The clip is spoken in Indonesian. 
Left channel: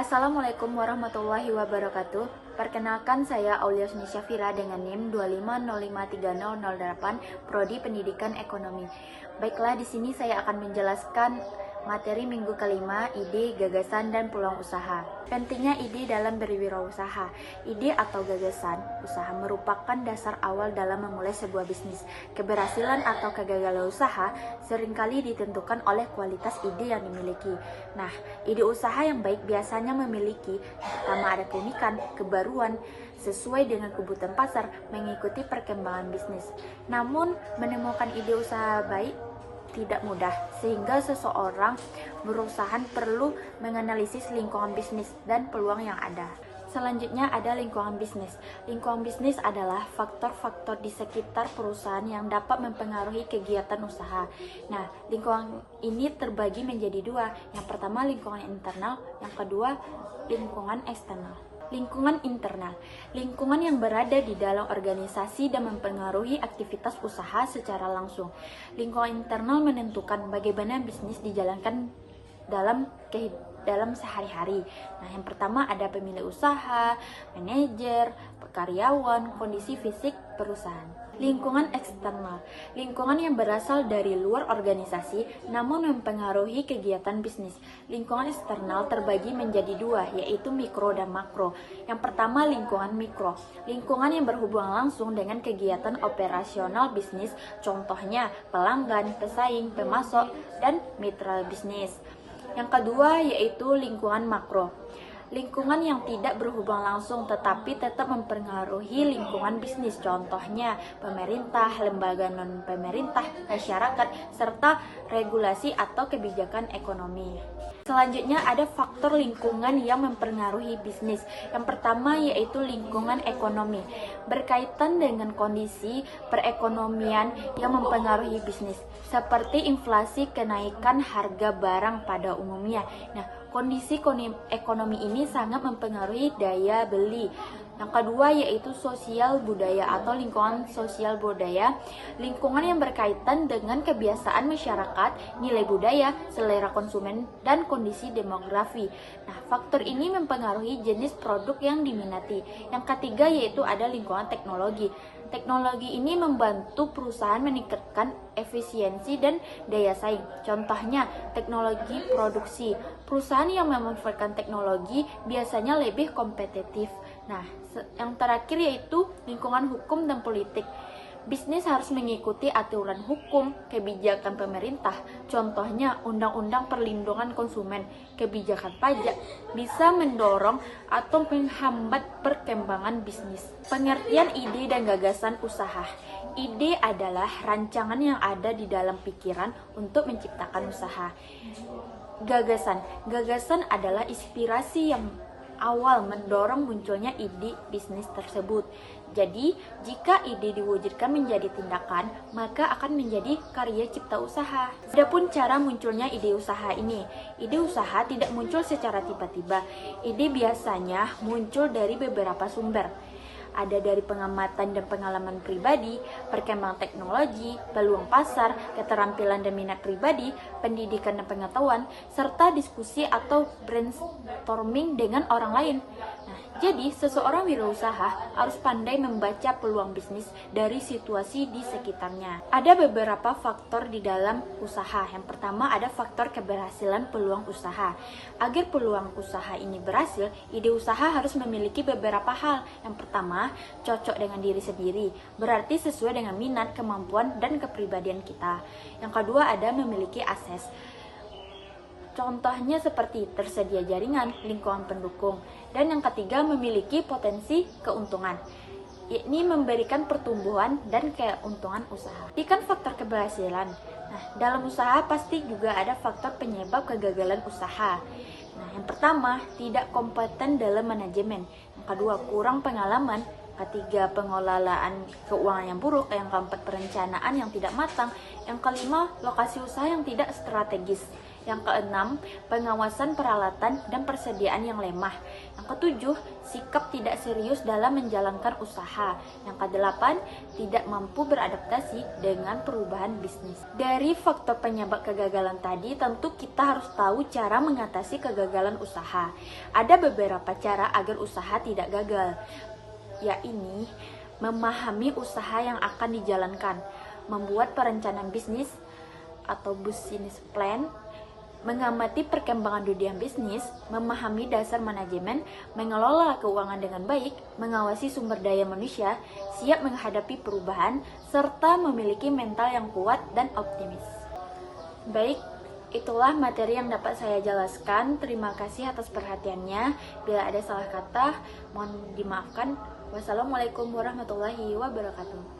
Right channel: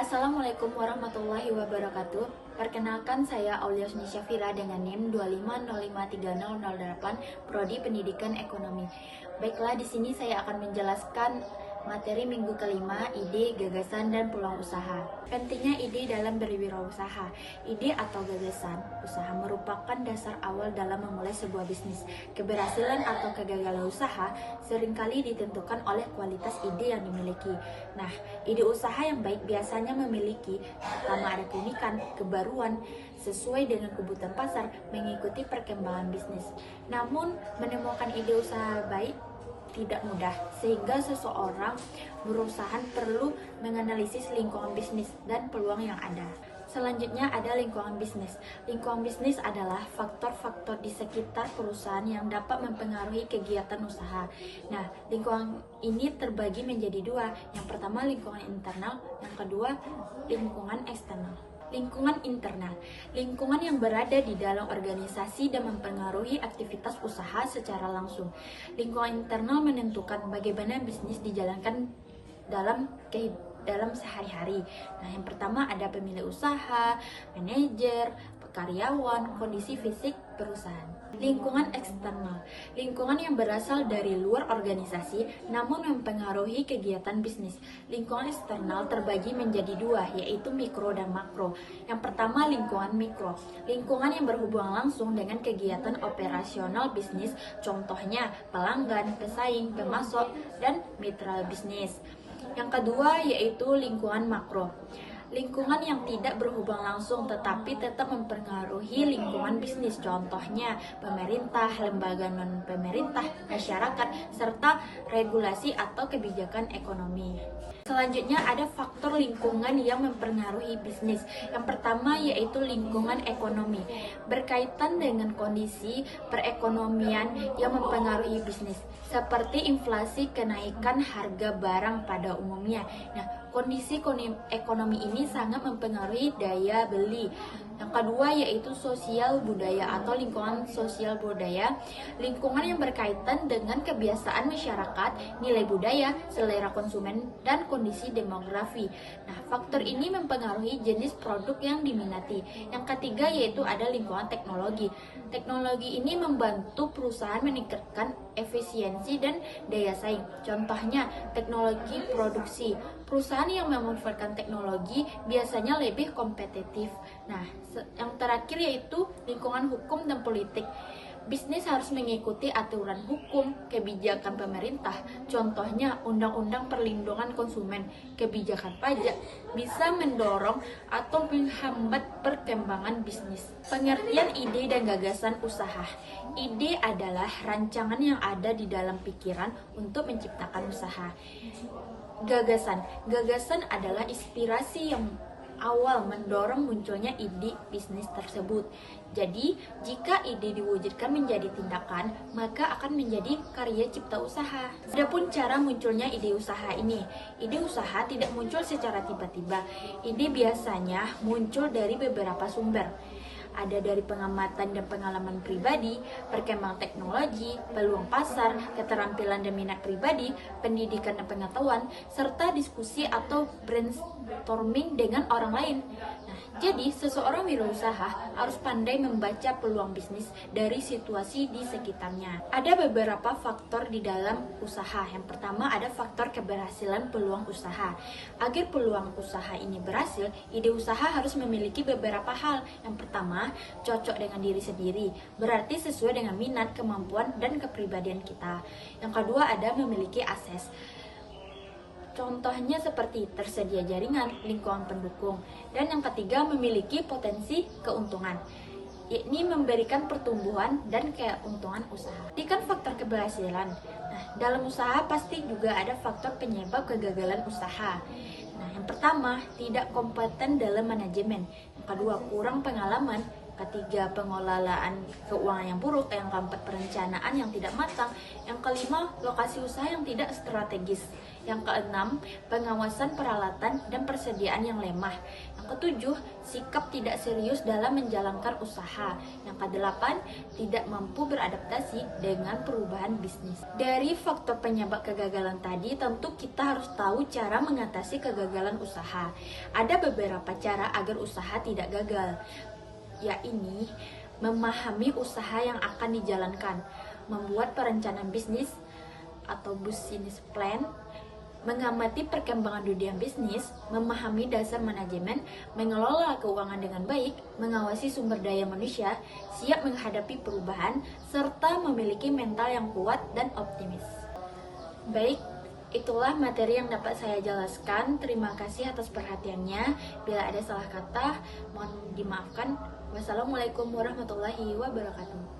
Assalamualaikum warahmatullahi wabarakatuh. Perkenalkan, saya Aulia Suni Syafira dengan NIM 250530008, Prodi Pendidikan Ekonomi. Baiklah, di sini saya akan menjelaskan materi minggu kelima, ide, gagasan, dan peluang usaha. Pentingnya ide dalam berwirausaha. Ide atau gagasan usaha merupakan dasar awal dalam memulai sebuah bisnis. Keberhasilan atau kegagalan usaha seringkali ditentukan oleh kualitas ide yang dimiliki. Nah, ide usaha yang baik biasanya memiliki pertama ada keunikan, kebaruan, sesuai dengan kebutuhan pasar, mengikuti perkembangan bisnis. Namun, menemukan ide usaha baik tidak mudah, sehingga seseorang berusaha perlu menganalisis lingkungan bisnis dan peluang yang ada. Selanjutnya ada lingkungan bisnis. Lingkungan bisnis adalah faktor-faktor di sekitar perusahaan yang dapat mempengaruhi kegiatan usaha. Nah, lingkungan ini terbagi menjadi dua. Yang pertama lingkungan internal, yang kedua lingkungan eksternal. Lingkungan internal, lingkungan yang berada di dalam organisasi dan mempengaruhi aktivitas usaha secara langsung. Lingkungan internal menentukan bagaimana bisnis dijalankan dalam sehari-hari. Nah, yang pertama ada pemilik usaha, manajer, karyawan, kondisi fisik perusahaan. Lingkungan eksternal, lingkungan yang berasal dari luar organisasi namun mempengaruhi kegiatan bisnis. Lingkungan eksternal terbagi menjadi dua, yaitu mikro dan makro. Yang pertama lingkungan mikro, lingkungan yang berhubungan langsung dengan kegiatan operasional bisnis, contohnya pelanggan, pesaing, pemasok, dan mitra bisnis. Yang kedua yaitu lingkungan makro, lingkungan yang tidak berhubungan langsung tetapi tetap mempengaruhi lingkungan bisnis, contohnya pemerintah, lembaga non-pemerintah, masyarakat, serta regulasi atau kebijakan ekonomi. Selanjutnya ada faktor lingkungan yang mempengaruhi bisnis. Yang pertama yaitu lingkungan ekonomi, berkaitan dengan kondisi perekonomian yang mempengaruhi bisnis, seperti inflasi, kenaikan harga barang pada umumnya. Nah, kondisi ekonomi ini sangat mempengaruhi daya beli. Yang kedua yaitu sosial budaya atau lingkungan sosial budaya, lingkungan yang berkaitan dengan kebiasaan masyarakat, nilai budaya, selera konsumen, dan kondisi demografi. Nah, faktor ini mempengaruhi jenis produk yang diminati. Yang ketiga yaitu ada lingkungan teknologi. Teknologi ini membantu perusahaan meningkatkan efisiensi dan daya saing. Contohnya, teknologi produksi. Perusahaan yang memanfaatkan teknologi biasanya lebih kompetitif. Nah, yang terakhir yaitu lingkungan hukum dan politik. Bisnis harus mengikuti aturan hukum, kebijakan pemerintah. Contohnya, Undang-Undang Perlindungan Konsumen, kebijakan pajak bisa mendorong atau menghambat perkembangan bisnis. Pengertian ide dan gagasan usaha. Ide adalah rancangan yang ada di dalam pikiran untuk menciptakan usaha. Gagasan adalah inspirasi yang awal mendorong munculnya ide bisnis tersebut. Jadi, jika ide diwujudkan menjadi tindakan, maka akan menjadi karya cipta usaha. Adapun cara munculnya ide usaha ini, ide usaha tidak muncul secara tiba-tiba. Ide biasanya muncul dari beberapa sumber. Ada dari pengamatan dan pengalaman pribadi, perkembangan teknologi, peluang pasar, keterampilan dan minat pribadi, pendidikan dan pengetahuan, serta diskusi atau brainstorming dengan orang lain. Nah, jadi seseorang wirausaha harus pandai membaca peluang bisnis dari situasi di sekitarnya. Ada beberapa faktor di dalam usaha. Yang pertama ada faktor keberhasilan peluang usaha. Agar peluang usaha ini berhasil, ide usaha harus memiliki beberapa hal. Yang pertama, cocok dengan diri sendiri, berarti sesuai dengan minat, kemampuan, dan kepribadian kita. Yang kedua ada memiliki akses. Contohnya seperti tersedia jaringan, lingkungan pendukung. Dan yang ketiga memiliki potensi keuntungan, yakni memberikan pertumbuhan dan keuntungan usaha. Ini kan faktor keberhasilan. Nah, dalam usaha pasti juga ada faktor penyebab kegagalan usaha. Nah, yang pertama, tidak kompeten dalam manajemen. Yang kedua, kurang pengalaman. ketiga, pengelolaan keuangan yang buruk. Yang keempat, perencanaan yang tidak matang. Yang kelima, lokasi usaha yang tidak strategis. Yang keenam, pengawasan peralatan dan persediaan yang lemah. Yang ketujuh, sikap tidak serius dalam menjalankan usaha. Yang kedelapan, tidak mampu beradaptasi dengan perubahan bisnis. Dari faktor penyebab kegagalan tadi, tentu kita harus tahu cara mengatasi kegagalan usaha. Ada beberapa cara agar usaha tidak gagal, yaitu memahami usaha yang akan dijalankan, membuat perencanaan bisnis atau business plan, mengamati perkembangan dunia bisnis, memahami dasar manajemen, mengelola keuangan dengan baik, mengawasi sumber daya manusia, siap menghadapi perubahan, serta memiliki mental yang kuat dan optimis. Baik, itulah materi yang dapat saya jelaskan. Terima kasih atas perhatiannya. Bila ada salah kata, mohon dimaafkan. Wassalamualaikum warahmatullahi wabarakatuh.